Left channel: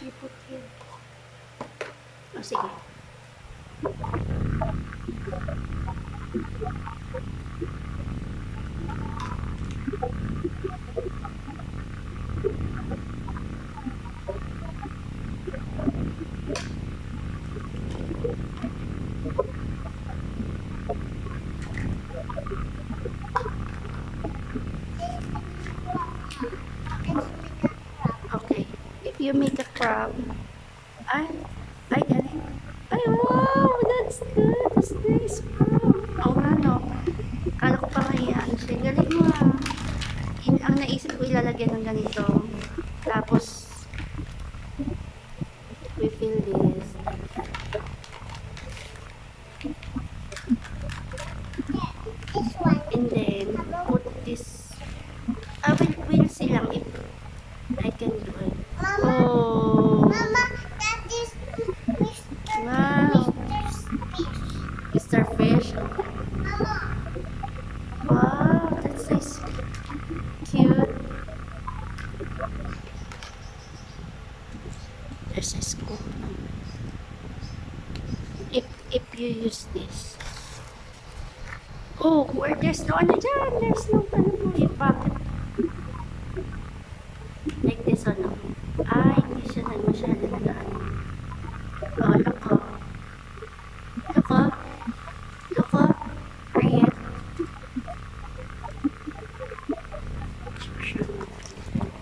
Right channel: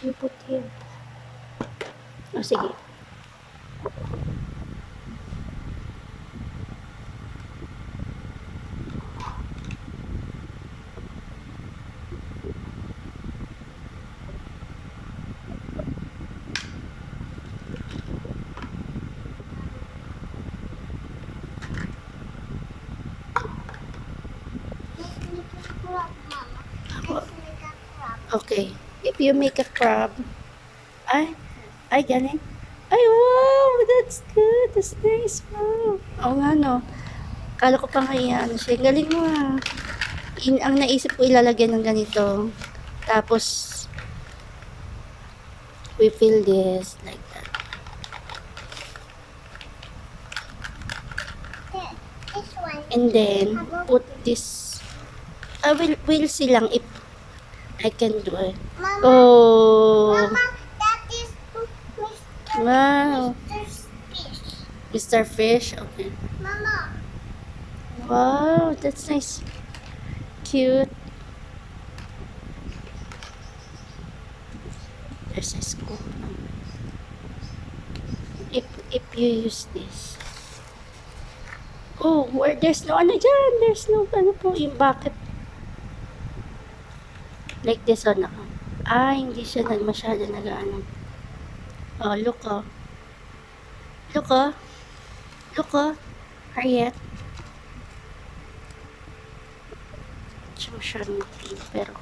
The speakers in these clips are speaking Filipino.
fish you put here? Oh, sige. Okay. If you make a crab, ay, galing. Ay, wow, that's good. That's nice, wow. Oo nga, no. Kala ko pa nga ano siya. Galing mo, ah. Ang naisip ko ilalagyan ng ganito. Tapos, we fill this like that. And then, put this. We'll see lang if I can do it. Mama, Oh, Mama, that is Mr. wow. Fish. Mr. Fish. Okay. Mama, Wow, that's nice. Cute. There's a scoop. If you use this. Oh, where there's no ano dyan. There's no ano po yung bucket. Like this one ako. Hindi siya masyado nag-ano. Oh, look oh. Look oh. Look oh. Ariet. Social media. Pero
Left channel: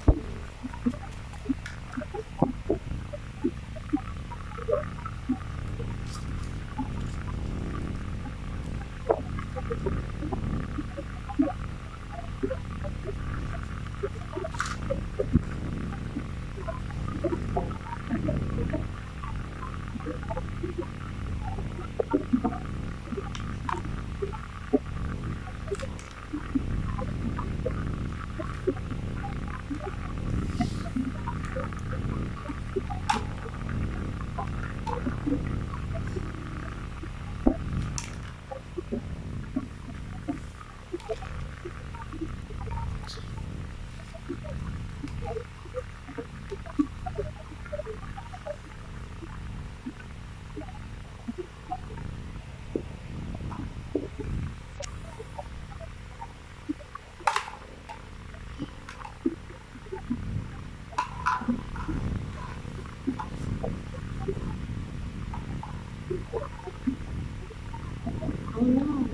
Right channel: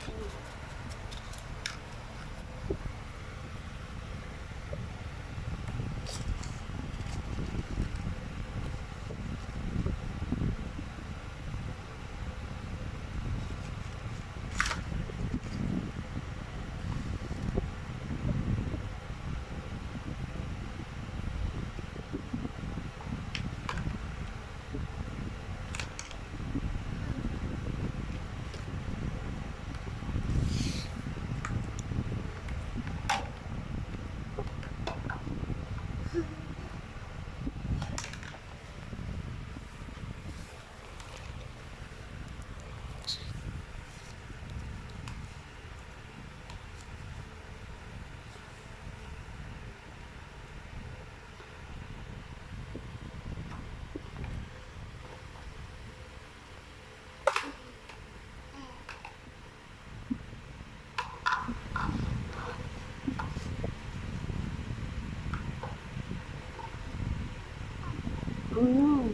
oh no.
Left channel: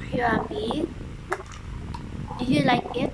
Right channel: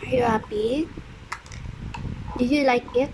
Are you happy? Did you like it?